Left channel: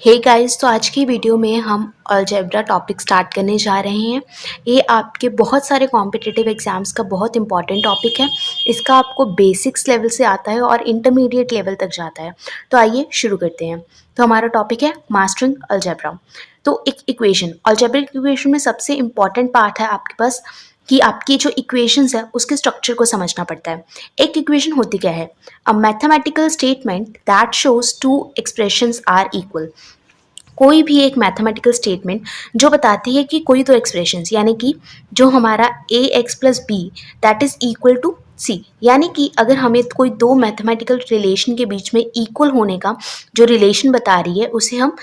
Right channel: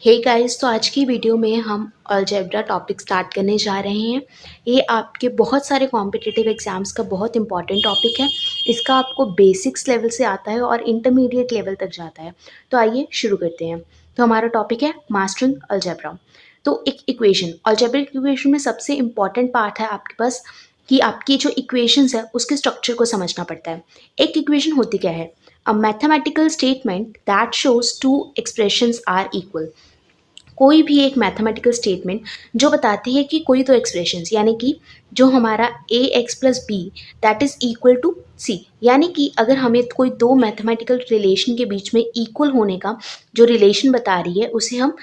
Hey guys, तो आज की वीडियो में हम अलजेब्रा टॉपिक स्टार्ट करने जा रहे हैं। ये आपके बहुत सारे कॉम्पिटिटिव एग्जाम्स का बहुत इंपॉर्टेंट टॉपिक है। इसका आपको बेसिक्स लेवल से आता है और इंटरमीडिएट लेवल तक जाता है। तो आइए शुरू करते हैं। तो हमारा टॉपिक है मास्टरिंग अलजेब्रा। तो एक इक्वेशन, अलजेब्रिक इक्वेशन में सबसे इंपॉर्टेंट पार्ट है आपके पास कि आपकी जो इक्वेशंस है उसके स्ट्रक्चर को समझना पड़ता है। एक इक्वेशन होती क्या है? A mathematical statement that shows two expressions are equal. कोई भी एक मैथमेटिकल स्टेटमेंट जो बताती है कि कोई तो एक्सप्रेशंस, यानी कि जो हमारा a x plus b that is equal to c, यानी कि अगर हमें कोई दो मैथमेटिकल रिलेशन के बीच में इक्वल होने का जो रिलेशन बता रही है उसे हम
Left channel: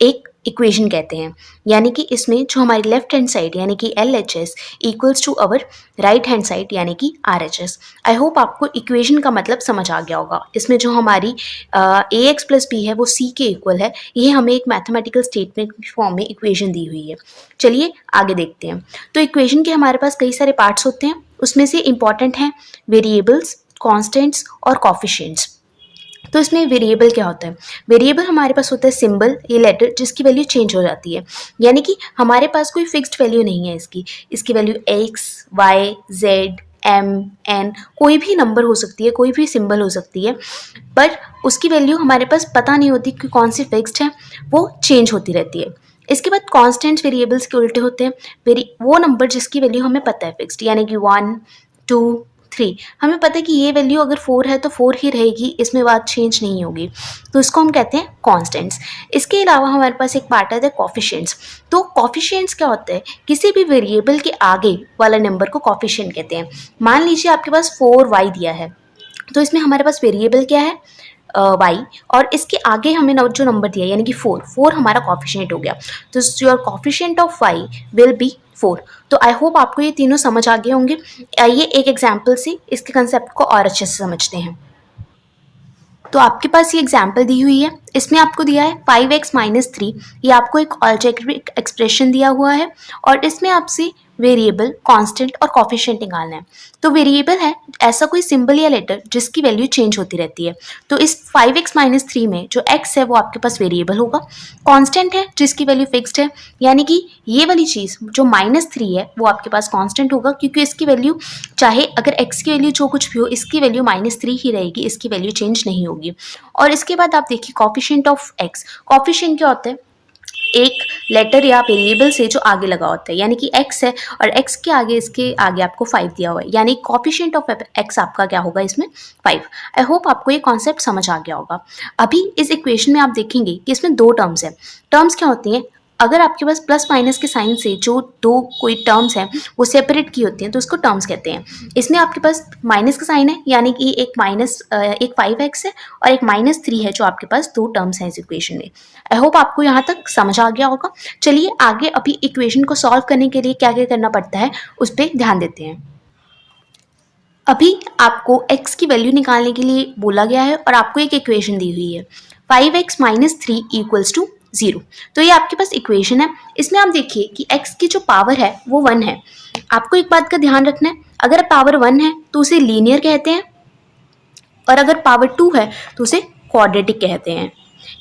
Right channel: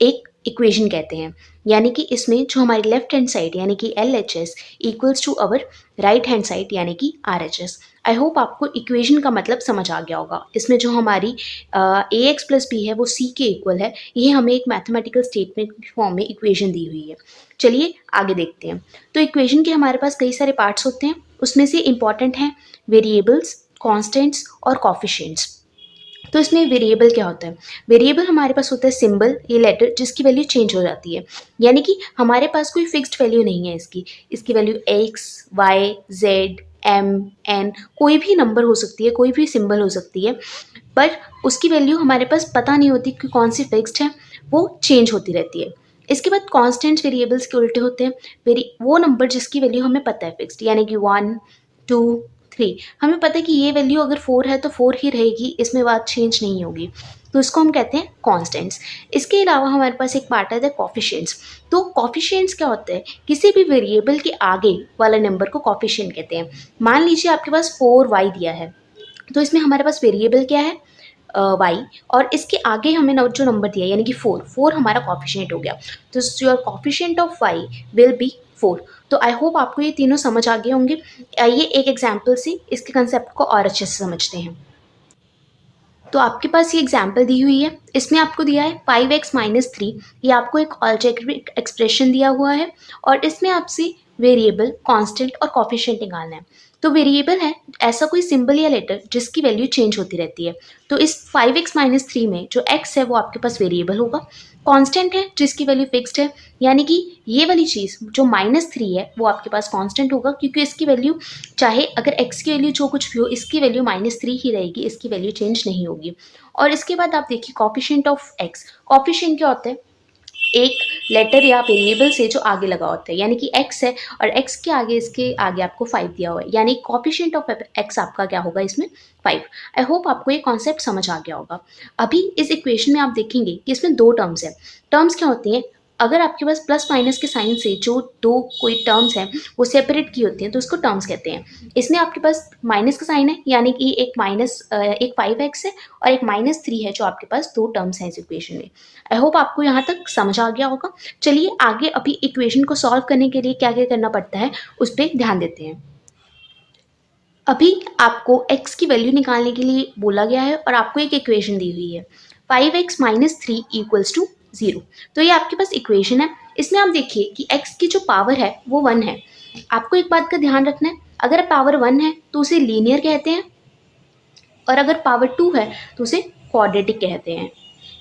एक इक्वेशन कहते हैं। यानी कि इसमें जो हमारी लेफ्ट हैंड साइड यानी कि L H S equals to our right hand side यानी कि R H S. I hope आपको इक्वेशन का मतलब समझ आ गया होगा। इसमें जो हमारी ए एक्स प्लस बी है वो सी के इक्वल है। ये हमें एक मैथमेटिकल स्टेटमेंट फॉर्म में इक्वेशन दी हुई है। चलिए आगे देखते हैं। तो इक्वेशन के हमारे पास कई सारे पार्ट्स होते हैं। उसमें से इंपॉर्टेंट हैं वेरिएबल्स, कॉन्स्टेंट्स और कॉफिशिएंट्स। तो इसमें वेरिएबल क्या होता है? वेरिएबल हमारे पास होता है सिंबल, ये लेटर जिसकी वैल्यू चेंज हो जाती है। यानी कि हमारे पास कोई फिक्स्ड वैल्यू नहीं है इसकी value x y z m n कोई भी नंबर हो सकती है, कोई भी सिंबल हो सकती है, पर उसकी वैल्यू हमारे पास पता नहीं होती कि कौन सी फिक्स्ड है, वो चेंज होती रहती है। इसके बाद कॉन्स्टेंट वेरिएबल्स के उल्टे होते हैं। वो नंबर जिसकी वैल्यू हमें पता है फिक्स्ड, यानी कि 1 2 3। हमें पता है कि ये वैल्यू अगर 4 है तो 4 ही रहेगी, इसमें बात चेंज नहीं होगी, तो इसको हम कहते हैं कॉन्स्टेंट्स। इसके अलावा हमारे पास एक पार्ट आता है कॉफिशिएंट्स। तो कॉफिशिएंट्स क्या होता है? किसी भी वेरिएबल के आगे वाला नंबर को कॉफिशिएंट कहते हैं। मान लीजिए आपके पास 4y दिया है, तो इसमें हमारे पास वेरिएबल क्या है? वाई, और इसके आगे हमें जो नंबर दिया यानी कि 4 हमारा कॉफिशिएंट हो गया। तो your coefficient of y will be 4। तो आई होप आपको ये तीनों समझ आ गए होंगे। आइए एक एग्जाम्पल से इसके कंसेप्ट को और अच्छे से समझते हैं। तो आपके पास ये एग्जाम्पल दी हुई है। इसमें आपको दिया है 5x माइनस 3। ये आपको एक अलजेब्रिक एक्सप्रेशन दिया हुआ है और इसमें आपसे वेरिएबल, कांस्टेंट और कॉफिशिएंट निकालना है। तो वेरिएबल है ऐसा कोई सिंबल या लेटर जिसकी वैल्यू चेंज होती रहती है। तो इस 5x माइनस 3 में जो x है वो आपके पास वेरिएबल होगा। कांस्टेंट है जिसकी वैल्यू फिक्स्ड है, यानी कि ये वाली चीज़ जो -3 है वो आपके पास कांस्टेंट होगा, क्योंकि इसकी वैल्यू चाहे अगर x की वैल्यू जो कुछ भी हो इसकी वैल्यू -3 ही रहेगी, इसकी वैल्यू चेंज नहीं होगी। और इसके बाद आप देखिए कॉफिशिएंट ऑफ x। कॉफिशिएंट क्या होता है? एक लेटर या वेरिएबल से जो आगे लगा होता है, यानी कि x है और x के आगे, इसके आगे आपको 5 दिया हुआ है, यानी कॉफिशिएंट ऑफ x आपका क्या होगा इसमें? 5। आई होप आपको ये कॉन्सेप्ट समझ आ गया होगा। अभी इस इक्वेशन में आप देखेंगे कि इसमें दो टर्म्स है। टर्म्स क्या होती हैं? अगर आपके पास प्लस माइनस के साइन से जो दो कोई टर्म्स हैं वो सेपरेट की होती हैं तो उसको टर्म्स कहते हैं। इसमें आपके पास माइनस का साइन है, यानी कि एक 5x है और एक -3 है, जो आपके पास दो टर्म्स हैं इस इक्वेशन में। आई होप आपको यहाँ तक समझ आ गया होगा। चलिए आगे अभी इक्वेशन को सॉल्व करने के लिए क्या क्या करना पड़ता है उस पर ध्यान देते हैं। अभी आपको x की वैल्यू निकालने के लिए बोला गया है और आपको एक इक्वेशन दी हुई है 5x माइनस 3 इक्वल्स टू 0। तो ये आपके पास इक्वेशन है। इसमें आप देखिए कि x की जो पावर है वो 1 है। आपको एक बात का ध्यान रखना है, अगर पावर 1 है तो उसे लीनियर कहते हैं, और अगर पावर 2 है तो उसे क्वाड्रेटिक कहते हैं।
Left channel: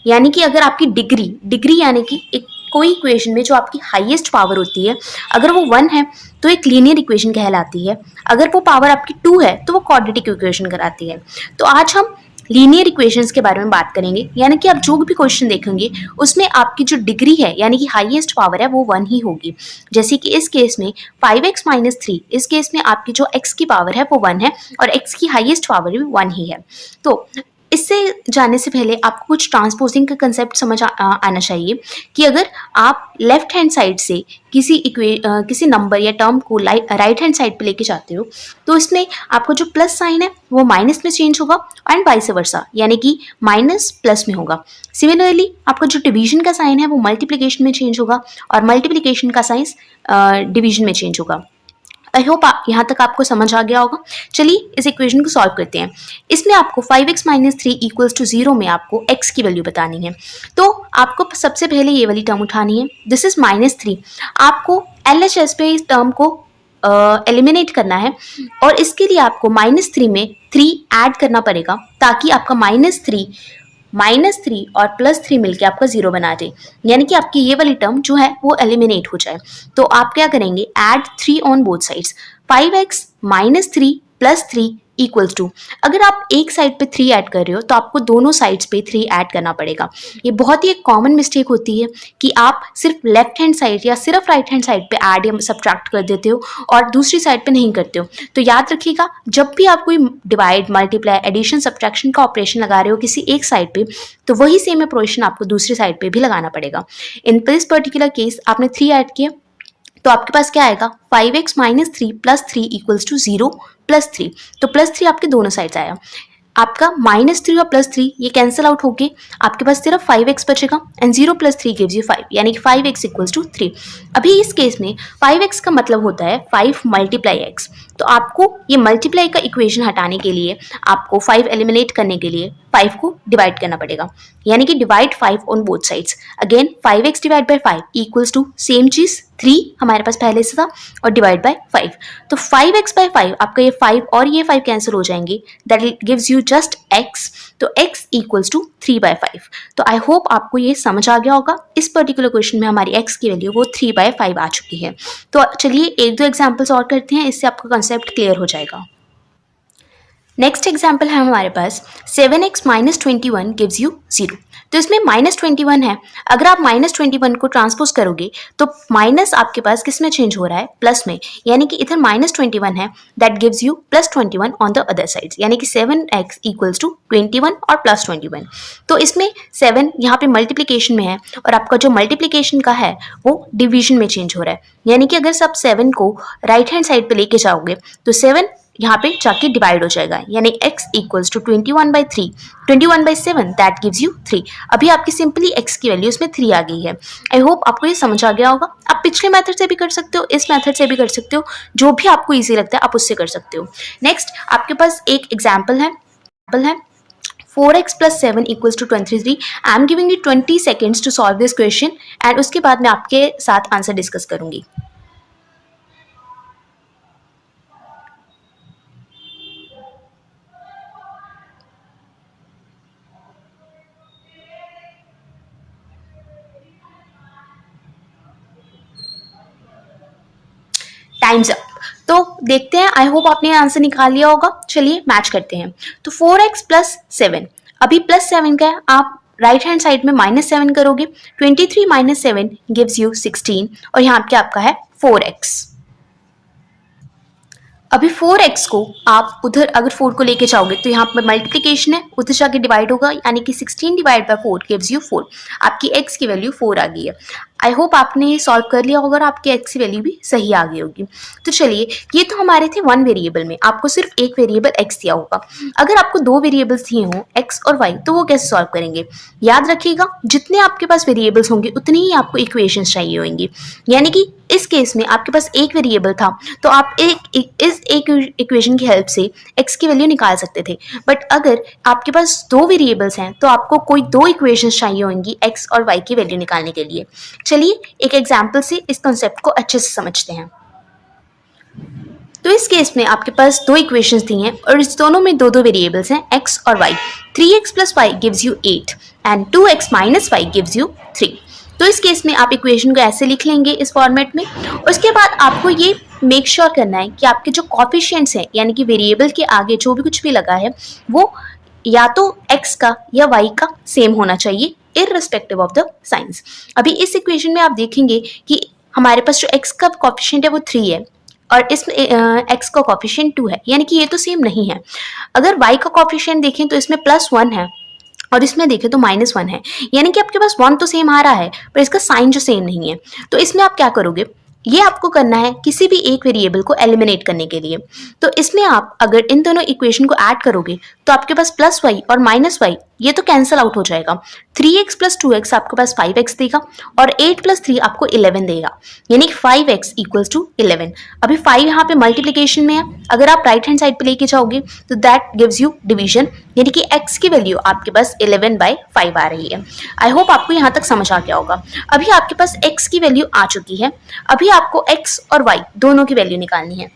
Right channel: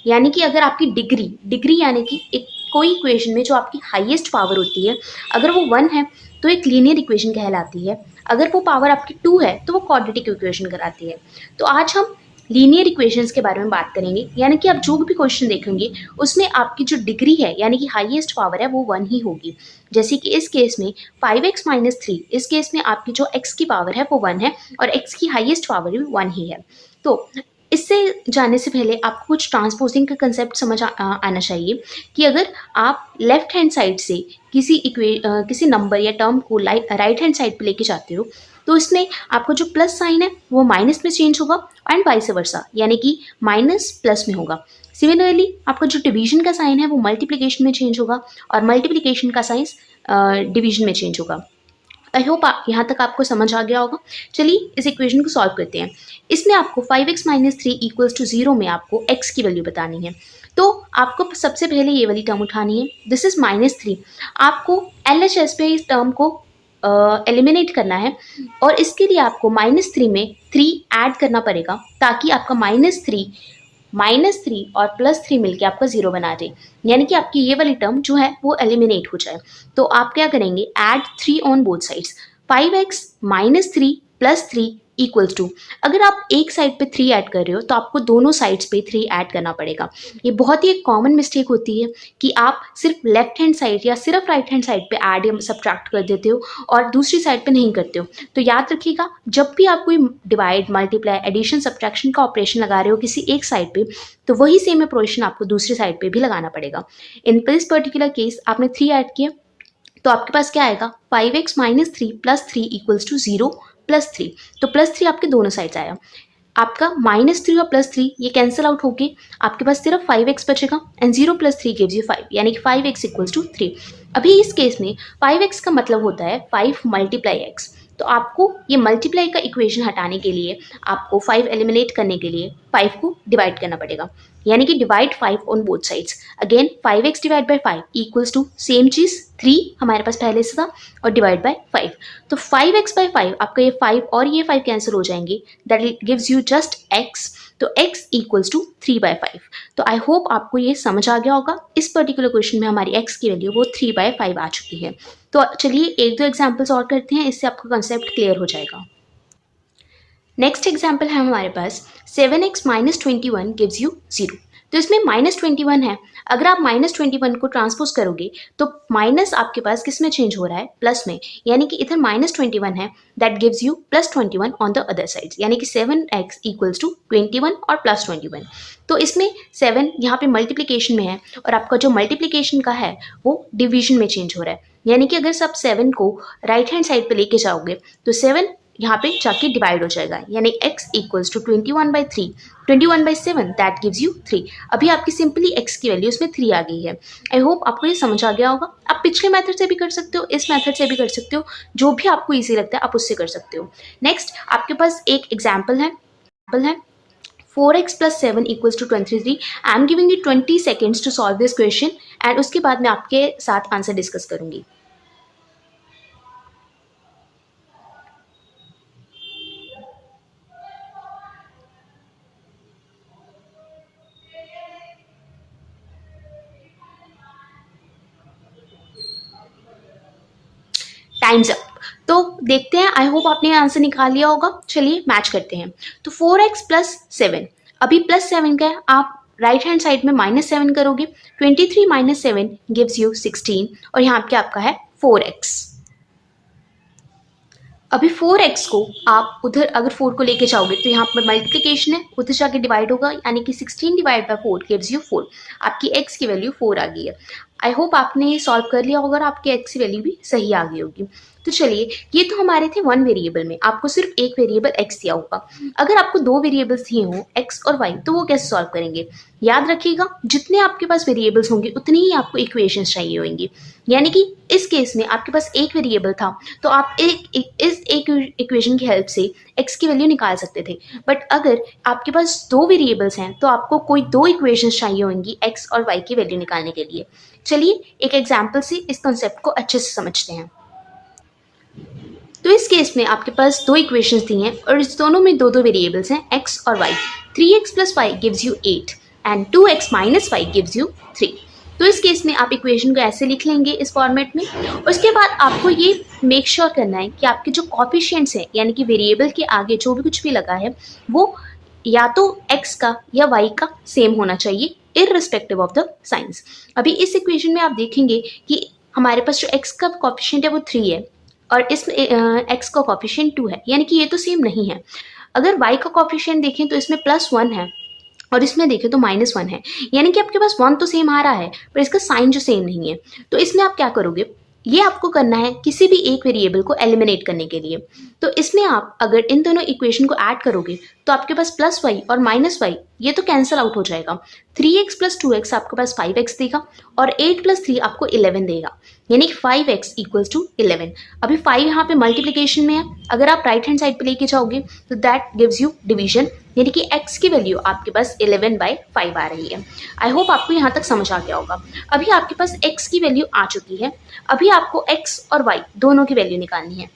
यानी कि अगर आपकी डिग्री यानी कि एक कोई इक्वेशन में जो आपकी हाईएस्ट पावर होती है, अगर वो 1 है तो एक लीनियर इक्वेशन कहलाती है, अगर वो पावर आपकी 2 है तो वो क्वाड्रेटिक इक्वेशन कहलाती है। तो आज हम लीनियर इक्वेशंस के बारे में बात करेंगे, यानी कि आप जो भी क्वेश्चन देखेंगे उसमें आपकी जो डिग्री है यानी कि हाईएस्ट पावर है वो 1 ही होगी। जैसे कि इस केस में 5x माइनस 3, इस केस में आपकी जो x की पावर है वो 1 है और x की हाईएस्ट पावर भी 1 ही है। तो इससे जाने से पहले आपको कुछ ट्रांसपोजिंग का कंसेप्ट समझ आना चाहिए कि अगर आप लेफ्ट हैंड साइड से किसी नंबर या टर्म को राइट हैंड साइड पे लेके जाते हो तो इसमें आपको जो प्लस साइन है वो माइनस में चेंज होगा एंड वाइस वर्सा, यानी कि माइनस प्लस में होगा। सिमिलरली आपका जो डिवीजन का साइन है वो मल्टीप्लिकेशन में चेंज होगा और मल्टीप्लिकेशन का साइन डिवीजन में चेंज होगा। आई होप यहाँ तक आपको समझ आ गया होगा। चलिए इस इक्वेशन को सॉल्व करते हैं। इसमें आपको 5x माइनस 3 इक्वल्स टू 0 में आपको x की वैल्यू बतानी है। तो आपको सबसे पहले ये वाली टर्म उठानी है, दिस इज -3। आपको LHS पे इस टर्म को एलिमिनेट करना है और इसके लिए आपको -3 में 3 ऐड करना पड़ेगा ताकि आपका -3 -3 और +3 मिलके आपका 0 बना दे, यानी कि आपकी ये वाली टर्म जो है वो एलिमिनेट हो जाए। तो आप क्या करेंगे, add 3 on both sides. 5x -3 + 3 equals to, अगर आप एक साइड पे 3 ऐड कर रहे हो तो आपको दोनों साइड्स पे 3 ऐड करना पड़ेगा। ये बहुत ही एक कॉमन मिस्टेक होती है कि आप सिर्फ लेफ्ट हैंड साइड या सिर्फ राइट हैंड साइड पे ऐड या सब्ट्रैक्ट कर देते हो और दूसरी साइड पे नहीं करते हो। तो याद रखिएगा, जब भी आप कोई डिवाइड, मल्टीप्लाई, एडिशन, सब्ट्रैक्शन का ऑपरेशन लगा रहे हो किसी एक साइड पे, तो वही सेम ऑपरेशन आपको दूसरी साइड पे भी लगाना पड़ेगा। इन दिस पर्टिकुलर केस आपने 3 ऐड किया तो आपके पास क्या आएगा, 5x -3 + 3 इक्वल्स टू 0 + 3। तो +3 आपके दोनों साइड्स आया। आपका -3 और +3 ये कैंसिल आउट होके आपके पास सिर्फ 5x बचेगा एंड 0 + 3 गिव्स यू 5, यानी कि 5x इक्वल्स टू 3। अभी इस केस में 5x का मतलब होता है 5 × x। तो आपको ये मल्टीप्लाई का इक्वेशन हटाने के लिए, आपको 5 एलिमिनेट करने के लिए 5 को डिवाइड करना पड़ेगा, यानी कि divide 5 on both sides. Again 5x divide by 5 equals to same चीज 3 हमारे पास पहले से था और डिवाइड बाय 5। तो 5x/5 आपका ये 5 और ये 5 कैंसिल हो जाएंगे, that gives you just x। तो x इक्वल्स टू 3/5। तो आई होप आपको ये समझ आ गया होगा। इस पर्टिकुलर क्वेश्चन में हमारी x की वैल्यू वो 3/5 आ चुकी है। तो चलिए एक दो एग्जाम्पल्स और करते हैं, इससे आपका कंसेप्ट क्लियर हो जाएगा। नेक्स्ट एग्जाम्पल है हमारे पास 7x - 21 गिव्स यू 0। तो इसमें -21 है, अगर आप -21 को ट्रांसपोज करोगे तो माइनस आपके पास किस में चेंज हो रहा है, प्लस में, यानी कि इधर -21 है, that gives you +21 on the other side, यानी कि 7x इक्वल्स टू 21 और +21। तो इसमें 7 यहाँ पे मल्टीप्लीकेशन में है और आपका जो मल्टीप्लीकेशन का है वो डिवीजन में चेंज हो रहा है, यानी कि अगर आप 7 को राइट हैंड साइड पे लेके जाओगे तो 7 यहाँ पे जाके डिवाइड हो जाएगा, यानी x equals to 21/3, 21/7 that gives you 3। अभी आपकी सिंपली x की वैल्यू इसमें 3 आ गई है। आई होप आपको ये समझ आ गया होगा। आप पिछले मेथड से भी कर सकते हो, इस मेथड से भी कर सकते हो, जो भी आपको ईजी लगता है आप उससे कर सकते हो। नेक्स्ट आपके पास एक एग्जाम्पल है 4x + 7 equals to 23। I am giving you 20 seconds to solve this question and उसके बाद मैं आपके साथ आंसर डिस्कस करूंगी। Times up. तो देखते हैं, आई होप आपने आंसर निकाल लिया होगा। चलिए मैच करते हैं। तो 4x + 7, अभी +7 का है, आप राइट हैंड साइड में -7 करोगे, 23 - 7 गिव्स यू 16 और यहाँ पे आपका है 4x। अभी 4x को आप उधर अगर 4 को लेके जाओगे तो यहाँ पर मल्टीप्लिकेशन है, उधर जाके डिवाइड होगा, यानी कि 16 डिवाइड बाय 4 गिव्स यू 4। आपकी x की वैल्यू 4 आ गई है। आई होप आपने ये सॉल्व कर लिया होगा और आपकी x की वैल्यू भी सही आ गई होगी। तो चलिए, ये तो हमारे थे वन वेरिएबल में, आपको सिर्फ एक वेरिएबल x दिया होगा। अगर आपको दो वेरिएबल्स दिए हों x और y, तो वो कैसे सॉल्व करेंगे? याद रखिएगा, जितने आपके पास वेरिएबल्स होंगे उतनी ही आपको इक्वेशंस चाहिए होंगी। यानी कि इस केस में आपके पास एक वेरिएबल था तो आप इस एक इक्वेशन की हेल्प से x की वैल्यू निकाल सकते थे। बट अगर आपके पास दो वेरिएबल्स हैं तो आपको कोई दो इक्वेशंस चाहिए होंगी x और y की वैल्यू निकालने के लिए। चलिए एक एग्जाम्पल से इस कॉन्सेप्ट को अच्छे से समझते हैं। तो इस केस में आपके पास दो इक्वेशंस दी हैं और इस दोनों में दो दो वेरिएबल्स हैं x और y। 3x + y gives you 8 and 2x - 5 gives you 3। तो इस केस में आप इक्वेशन को ऐसे लिख लेंगे इस फॉर्मेट में। उसके बाद आपको ये मेक श्योर करना है कि आपके जो कॉफिशिएंट्स हैं, यानी कि वेरिएबल के आगे जो भी कुछ भी लगा है वो या तो x का या y का सेम होना चाहिए, इररिस्पेक्टिव ऑफ द साइंस। अभी इस इक्वेशन में आप देखेंगे कि हमारे पास जो x का कॉफिशिएंट है वो 3 है और इसमें x का कॉफिशिएंट 2 है, यानी कि ये तो सेम नहीं है। अगर y का कॉफिशिएंट देखें तो इसमें +1 है और इसमें देखें तो -1 है, यानी कि आपके पास 1 तो सेम आ रहा है पर इसका साइन जो सेम नहीं है। तो इसमें आप क्या करोगे, ये आपको करना है किसी भी एक वेरिएबल को एलिमिनेट करने के लिए। तो इसमें आप अगर इन दोनों इक्वेशन को ऐड करोगे तो आपके पास +y और -y ये तो कैंसिल आउट हो जाएगा। 3x + 2x आपके पास 5x देगा और 8 + 3 आपको 11 देगा, यानी कि 5x = 11। अभी 5 यहाँ पे मल्टीप्लिकेशन में है, अगर आप राइट हैंड साइड पे लेके जाओगे तो दैट गिव्स यू डिवीजन, यानी कि x की वैल्यू आपके पास 11/5 आ रही है। आई होप आपको यहाँ तक समझ आ गया होगा। अभी आपके पास x की वैल्यू आ चुकी है, अभी आपको x और y दोनों की वैल्यू निकालनी है।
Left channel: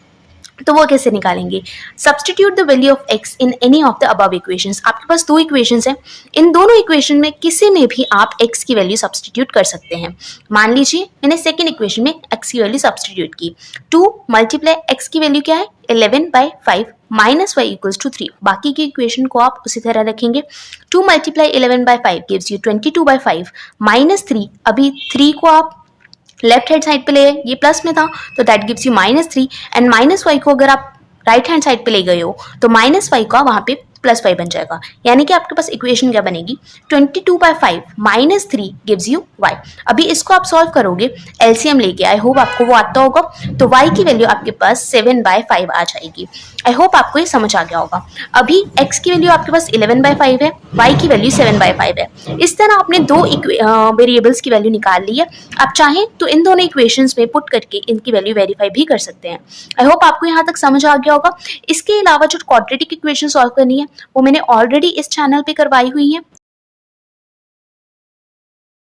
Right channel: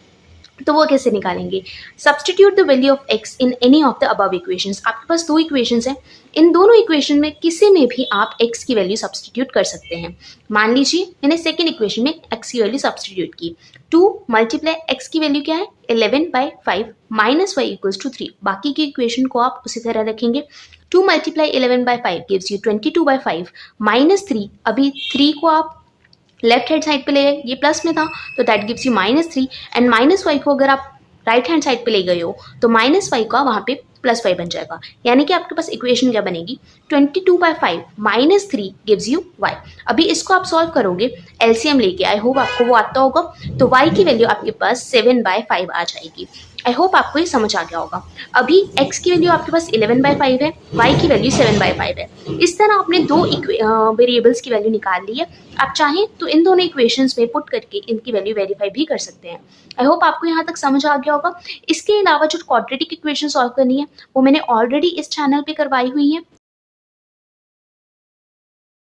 तो वो कैसे निकालेंगे? Substitute the value of x in any of the above equations. आपके पास दो इक्वेशंस हैं, इन दोनों इक्वेशन में किसी में भी आप x की वैल्यू सब्सटीट्यूट कर सकते हैं। मान लीजिए मैंने सेकेंड इक्वेशन में x की वैल्यू सब्सटीट्यूट की, 2 मल्टीप्लाई x की वैल्यू क्या है 11/5 माइनस y इक्वल्स टू 3। बाकी की इक्वेशन को आप उसी तरह रखेंगे। 2 मल्टीप्लाई 11/5 गिव्स यू 22/5 माइनस 3। अभी 3 को आप लेफ्ट हैंड साइड पे ले गए, ये प्लस में था तो that gives you -3 and -y को अगर आप राइट हैंड साइड पे ले गए हो तो -y का वहां पे +5 बन जाएगा। यानी कि आपके पास इक्वेशन क्या बनेगी 22/5 -3 गिव्स यू y। अभी इसको आप सॉल्व करोगे एलसीएम लेके, आई होप आपको वो आता होगा, तो y की वैल्यू आपके पास 7/5 आ जाएगी। आई होप आपको ये समझ आ गया होगा। अभी x की वैल्यू आपके पास 11/5 है, y की वैल्यू 7/5 है। इस तरह आपने दो वेरिएबल्स की वैल्यू निकाल ली है। आप चाहें तो इन दोनों इक्वेशंस में पुट करके इनकी वैल्यू वेरीफाई भी कर सकते हैं। आई होप आपको यहाँ तक समझ आ गया होगा। इसके अलावा जो क्वाड्रेटिक इक्वेशन सॉल्व करनी है वो मैंने ऑलरेडी इस चैनल पे करवाई हुई है,